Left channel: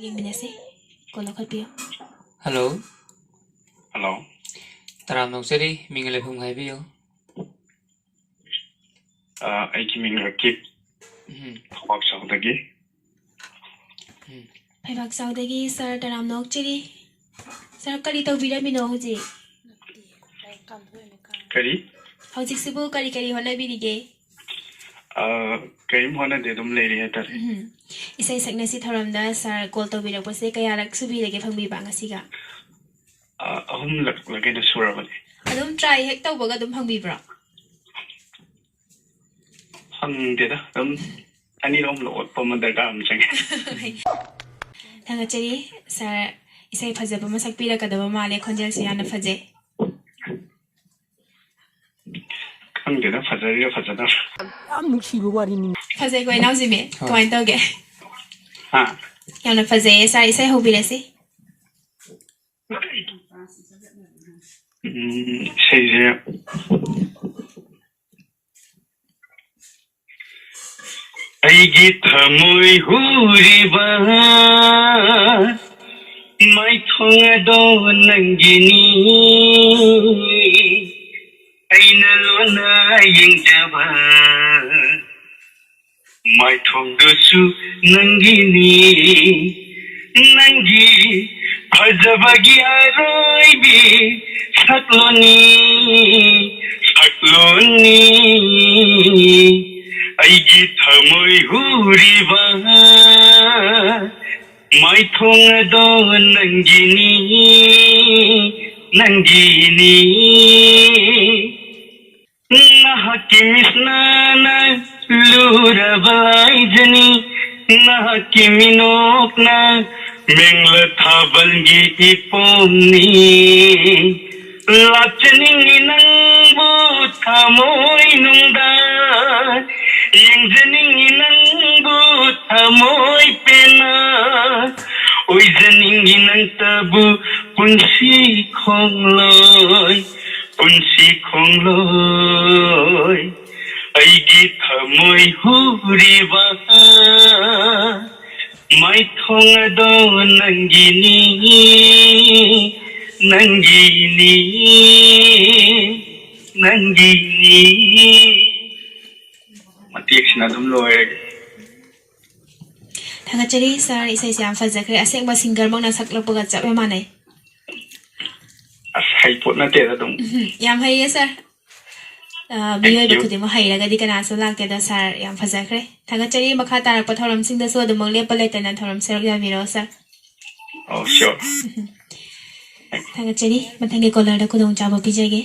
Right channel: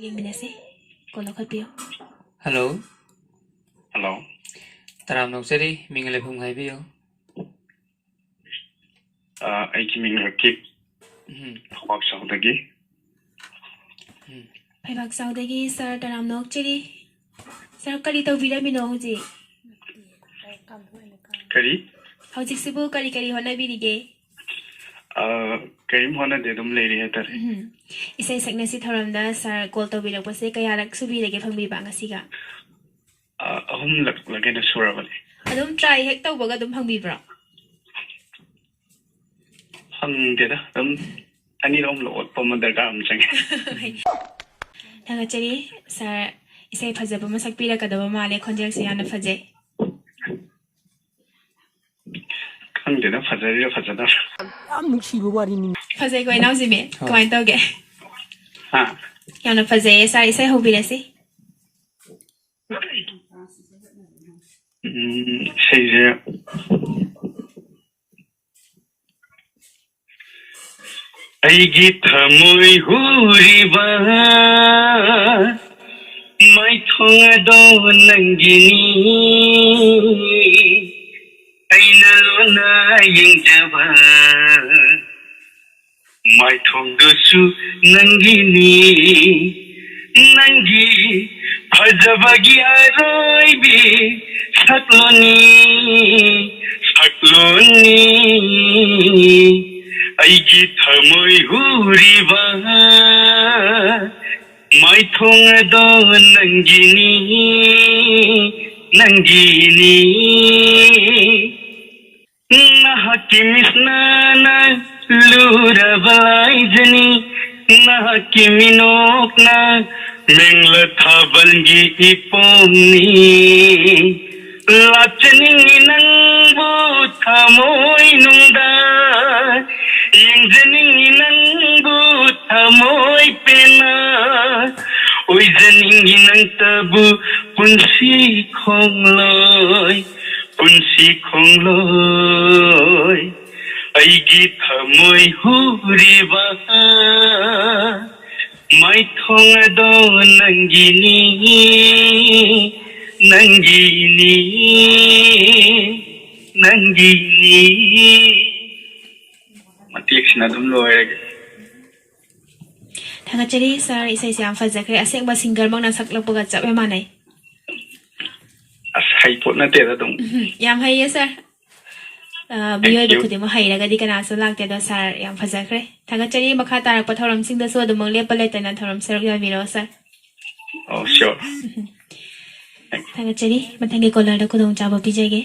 ꯌꯦꯡꯃꯤꯟꯅꯁꯤ call ꯂꯧꯈꯠꯄꯤꯌꯨ Hello, Hello. taram noksari mingale phung hai biyo. ꯑꯩꯒꯤ ꯃꯤꯡ ꯔꯀꯤꯞ ꯊꯧꯕꯥꯛꯆꯧꯗꯒꯤ ꯐꯩꯕꯥꯛꯆꯧꯗꯒꯤ ꯁꯥꯔ ꯇꯔꯥꯝ ꯅꯣꯛꯆꯔꯤ ꯁꯥꯔ ꯀꯔꯤ ꯇꯧꯕꯤꯔꯝꯃꯤꯅꯣ ꯀꯔꯤ ꯍꯧꯖꯤꯛꯁꯤꯕꯨ ꯀꯔꯤ ꯍꯣꯠꯅꯕꯤꯔꯤꯒꯦ ꯀꯔꯤꯝ ꯍꯣꯠꯅꯗꯦ ꯑꯗꯨꯝ ꯂꯩꯔꯤ ꯍꯥꯏꯇꯥꯔꯦ ꯏꯁꯩ ꯁꯛꯅꯁꯤ ꯊꯧꯔꯝꯗ ꯁꯥꯔ ꯀꯣꯜ ꯇꯧꯕꯤꯔꯛꯄꯁꯦ ꯀꯌꯥꯔꯛ ꯁꯨꯕꯤꯔꯒꯦ ꯐꯪꯕꯤꯕ ꯉꯁꯤꯒ ꯑꯍꯨꯝꯂꯛꯂꯒꯩꯅ ꯁꯨꯔꯕꯅꯤ ꯑꯗꯨꯝ ꯇ꯭ꯔꯥꯏ ꯍꯦꯛ ꯇꯧꯕꯒ ꯑꯗꯨꯝ ꯐꯪꯕꯤꯕ꯭ꯔꯣ ꯐꯪꯗꯦꯗ ꯑꯗꯨꯝ ꯑꯅꯤꯔꯛ ꯑꯍꯨꯝꯂꯛ ꯑꯣꯠꯄ ꯑꯃ ꯗꯔꯀꯥꯔ ꯑꯃ ꯆꯪꯉꯦ ꯊꯥꯒꯠꯆꯔꯤ ꯁꯥꯔ ꯏꯁꯩ ꯐꯖꯕ ꯑꯃ ꯁꯛꯄꯤꯔꯛꯀꯗꯕ ꯃꯥꯜꯂꯦ ꯈꯣꯟꯖꯦꯜꯁꯨ ꯌꯥꯝꯅ ꯐꯖꯩ ꯈꯪꯗꯦꯗ ꯐꯖꯔꯤꯔ ꯐꯖꯗꯕ ꯌꯥꯝ ꯅꯨꯡꯁꯤꯕ ꯋꯥꯔꯤꯅꯤ ꯐꯖꯩꯀꯣ ꯏꯅꯥꯎꯖꯤꯃꯤ ꯀꯃꯥꯏꯅ ꯇꯧꯒꯦ ꯍꯥ ꯌꯥꯝꯅ ꯐꯖꯩꯌꯦ ꯁꯥꯔ ꯏꯁꯩ ꯍꯧꯕꯤꯔꯁꯤ ꯏꯁꯩꯁꯦ ꯑꯩꯒꯤ ꯊꯃꯣꯏ ꯍꯨꯔꯤꯕ ꯃꯥꯏꯊꯣꯡ ꯑꯗꯣ ꯅꯪꯒꯤꯅꯤ ꯑꯩꯅ ꯂꯣꯟꯅ ꯌꯦꯡꯖꯕ ꯃꯥꯏꯊꯣꯡꯗꯨꯁꯨ ꯅꯪꯒꯤꯅꯤ ꯅꯪꯒꯤ ꯐꯖꯕꯒꯤ ꯑꯔꯣꯏꯕꯤ ꯁꯛꯂꯣꯟꯅꯤ ꯑꯩꯒꯤ ꯊꯃꯣꯏ ꯍꯨꯔꯤꯕ ꯃꯥꯏꯊꯣꯡ ꯑꯗꯣ ꯅꯪꯒꯤꯅꯤ ꯅꯍꯥꯛꯀꯤ ꯃꯤꯠꯅ ꯂꯨꯔꯕ ꯂꯥꯏꯖꯅꯤ ꯅꯍꯥꯛꯀꯤ ꯃꯤꯅꯣꯛꯅ ꯃꯦꯡꯂ ꯊꯥꯕꯜꯒꯤ ꯏꯄꯣꯝꯅꯤ ꯂꯥꯛꯆꯅꯤꯡꯉꯤ ꯅꯪꯕꯨ ꯊꯃꯣꯏꯅꯨꯡꯗ ꯌꯦꯡꯖꯅꯤꯡꯉꯤ ꯅꯪꯕꯨ ꯊꯃꯣꯏ ꯄꯦꯟꯅ ꯑꯣꯏꯖꯅꯤꯡꯉꯤ ꯅꯪꯇꯕꯨ ꯄꯨꯟꯁꯤ ꯈꯣꯡꯂꯣꯏ ꯑꯩꯒꯤ ꯊꯃꯣꯏ ꯍꯨꯔꯤꯕ ꯃꯥꯏꯊꯣꯡ ꯑꯗꯣ ꯅꯪꯒꯤꯅꯤ ꯃꯇꯦꯛꯁꯤꯅ ꯑꯗꯨꯝ ꯂꯣꯏꯔꯒꯦ ꯊꯥꯒꯠꯆꯔꯤ ꯁꯥꯔ ꯏꯁꯩꯁꯦ ꯌꯥꯝ ꯐꯖꯈ꯭ꯔꯦ ꯑꯁꯦꯡꯕ ꯁꯤꯡꯒꯔꯃꯛꯅ ꯁꯛꯂꯛꯄꯒ ꯆꯞ ꯃꯥꯟꯅꯩ ꯑꯁ ꯍꯩꯄꯣꯠ ꯅꯠꯇꯦꯗ ꯑꯗꯨꯝ ꯌꯥꯝ ꯍꯩꯌꯦ ꯁꯥꯔ Thank ꯃꯤꯑꯣꯏꯕ you. ꯈꯨꯗꯤꯡꯃꯛ ꯍꯩꯔꯒꯗꯤ ꯀꯅꯥꯁꯨ ꯂꯥꯛꯇꯦꯗ ꯁꯥꯔ ꯌꯥꯝ ꯐꯖꯈ꯭ꯔꯦ ꯊꯥꯒꯠꯆꯔꯤ ꯃꯈꯥ ꯇꯥꯔꯛꯄ ꯊꯧꯔꯝꯁꯤꯡꯗꯁꯨ ꯑꯗꯨꯃꯛ ꯂꯦꯞꯄ ꯂꯩꯇꯅ ꯊꯧꯔꯝ ꯁꯔꯨꯛ ꯌꯥꯕꯤꯔꯛꯑꯣ ꯁꯥꯔ Oh, sure. ꯊꯥꯒꯠꯆꯔꯤ ꯃꯊꯪꯒꯤ ꯀꯣꯂꯔꯗ ꯈꯨꯗꯣꯡꯆꯥꯕ ꯄꯤꯖꯒꯦ